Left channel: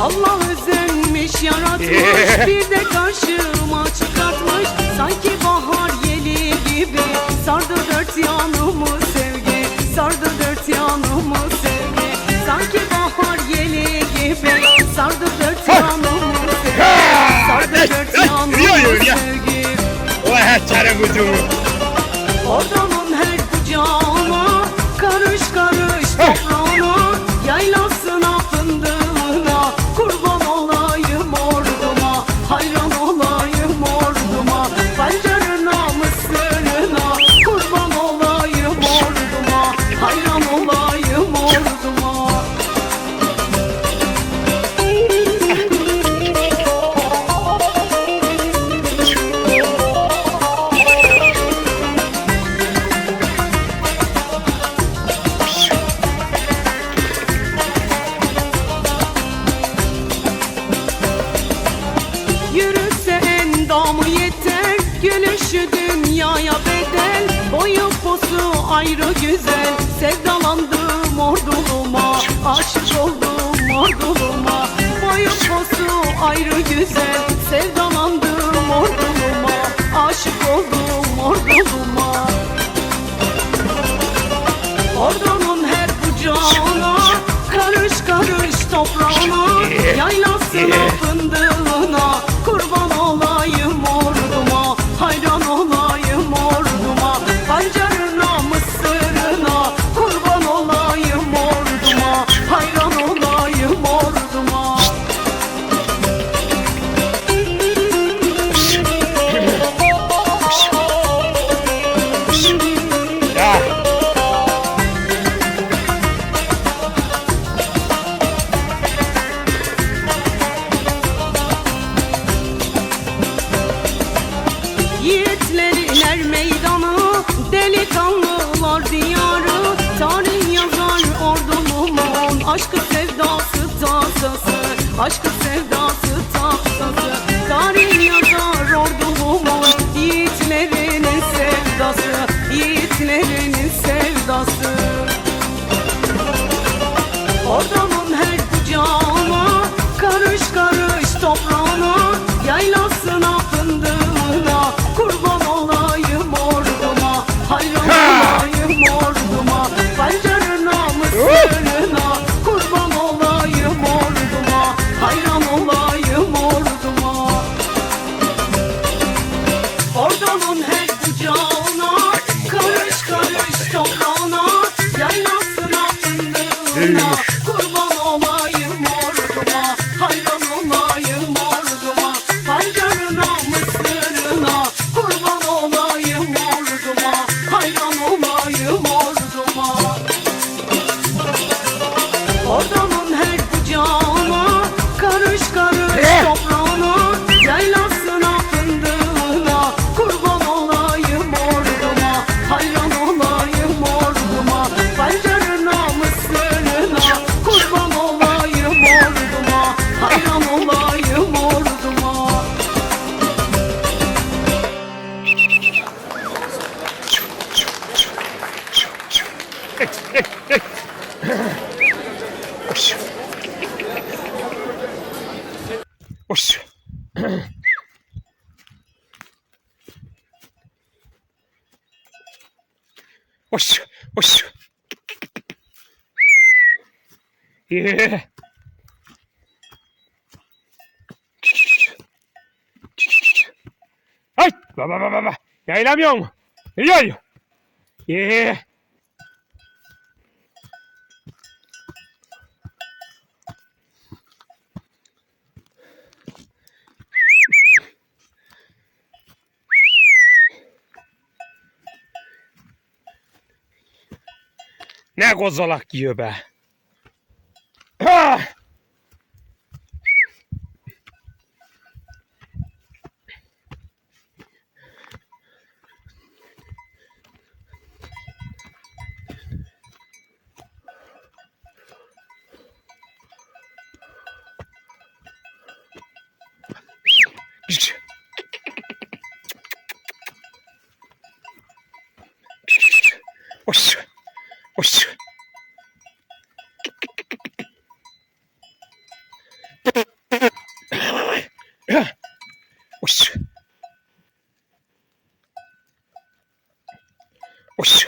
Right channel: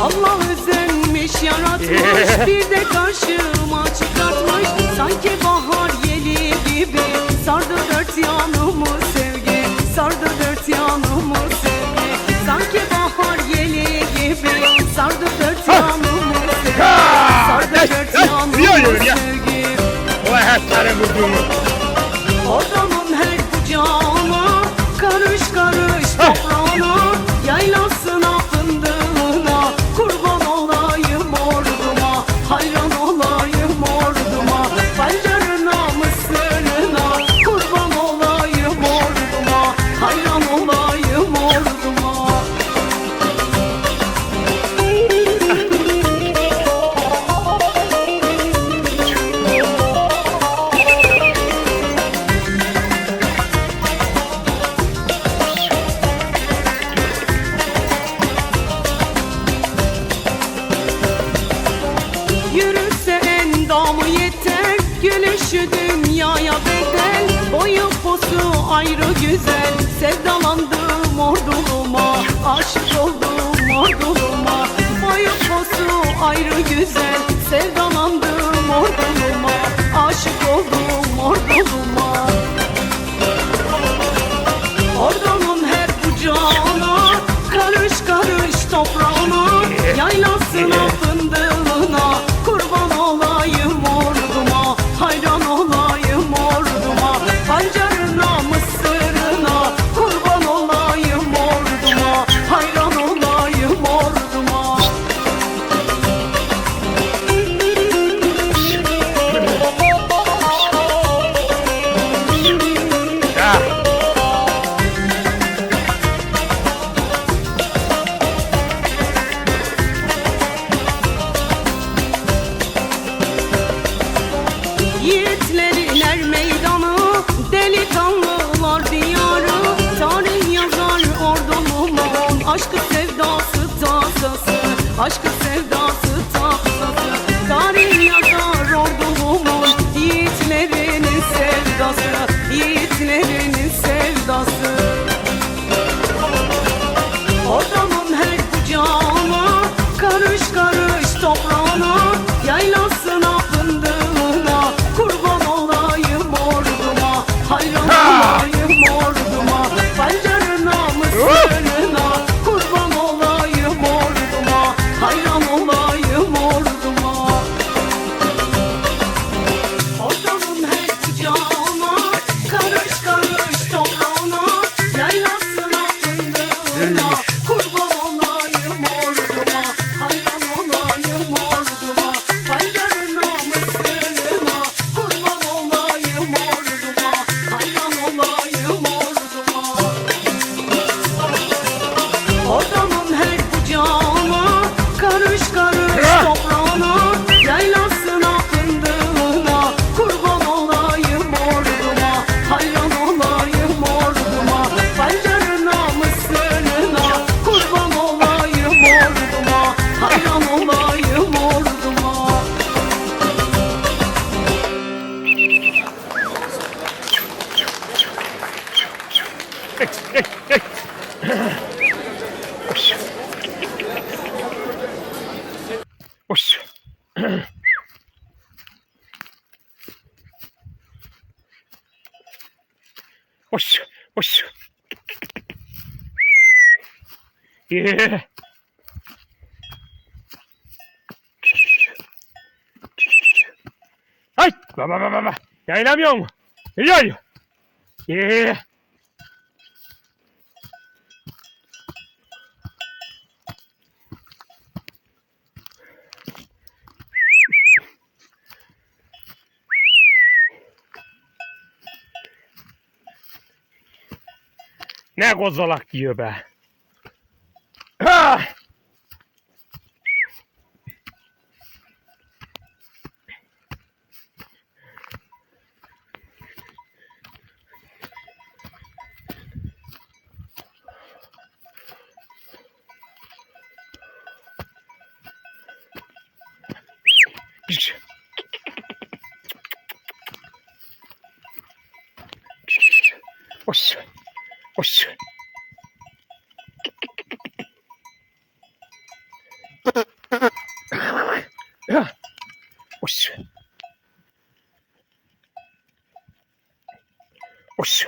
Allah özenmiş yaratmış bir de karşıma çıkartmış. Sanki bahar yeli gibi sardı dört yanımı sevgi Sardı dört yanımı sevgi. Sanki bahar yeli gibi sardı dört yanımı sevgi Sardı dört yanımı sevgi. Och här tar det med orduma yeter Gülüşü dünyaya bedel. Boyu posu ayrı güzel. Sevdalandım orduluma Aşık oldum orduluma. Boyu posu ayrı güzel. Sevdalandım orduluma Aşık oldum orduluma Yiğitlerin er meydanı Delikanlılar diyarı Tarih yazar ordulumun Aşkı sevdası tasası Aşkı sevdası tasası Tarih yazar ordulumun Yiğitlerinin sevdası Yiğitlerinin sevdası. Ordumun 我操！我操！我操！耶！哎！叭叭叭叭叭！开那辆，来油！耶！Ne gozzalak ki jöbe! Ah! Oss. Ось. Ось. Ось.